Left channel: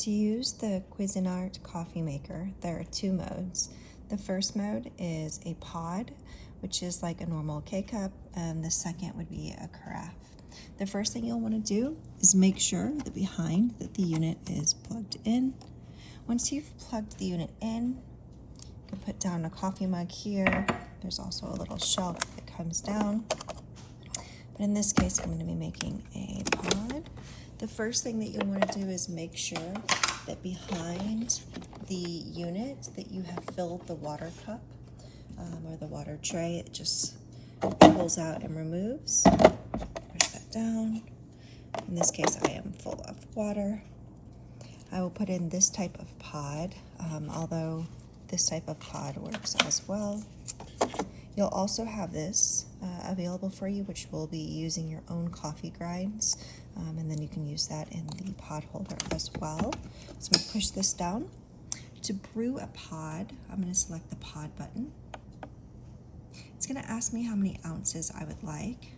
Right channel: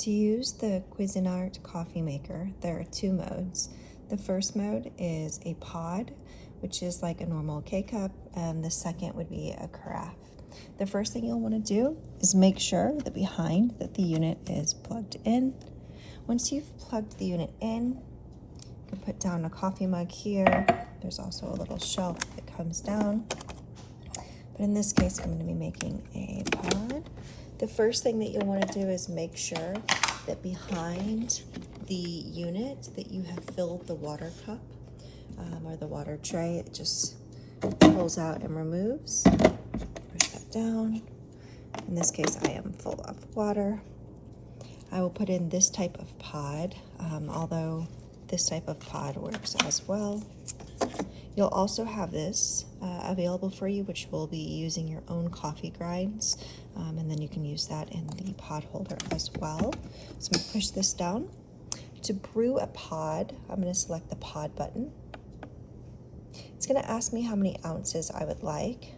To use the Cuisinart coffee maker, there are two modes. The first mode is a pod, which is like a normal K-cup, and the second would be a carafe. The first thing you'll want to do is make sure that behind that the unit is plugged in. Once you've plugged the unit in, you can put down a coffee mug here. There's also a little shelf that comes down. But in this case, I'm going to be making a pod. The first thing that you'll want to do is make sure that behind the unit that you have filled the water cup or the water tray. It just pulls out and removes. Push that down. In this case, I am full of water. I will put in this type of pod, although this type of pod works as well. You'll also have this available for you, which will be using your own coffee grinds, and then you can use that in the pod holder as well. So I'm going to push this down. To brew a pod, I'm going to select the pod button. It's going to ask me how many ounces I would like.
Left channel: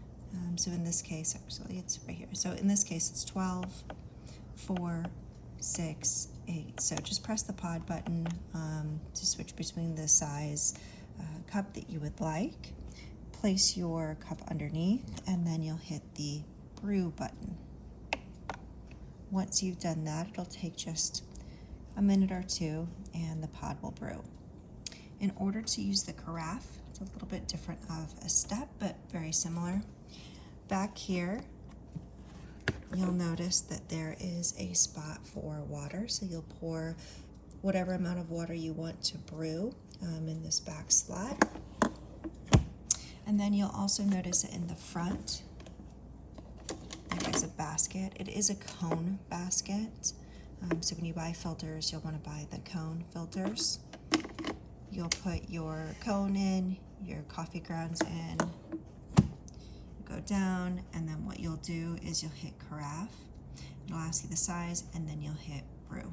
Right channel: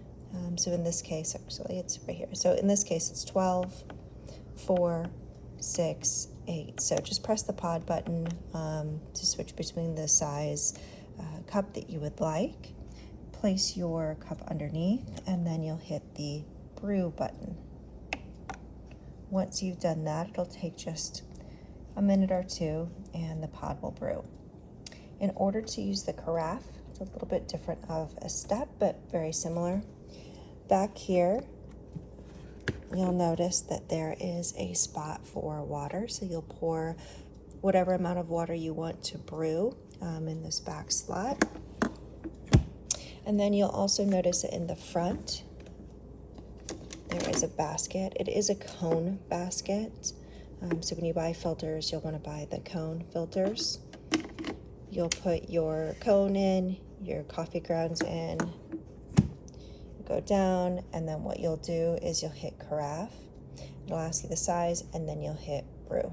So in this case, actually, it's right here. So in this case, it's 12, 4, 6, 8. So just press the pod button to switch between the size cup that you would like. Place your cup underneath, and then you'll hit the brew button. Once you've done that, it'll take just a minute or two, and the pod will brew. In order to use the carafe, it's a little bit different of a step, but very similar. Back here, you'll notice that there is a spot for water, so you'll pour whatever amount of water you want to brew in this back slot. And then you'll also notice that in the front, there is a basket. It is a cone basket. So when you buy filters, you'll want to buy the cone filters. You'll put your cone in, your coffee grounds in, go down, and then what you'll do is you'll hit carafe. It'll ask you the size, and then you'll hit brew.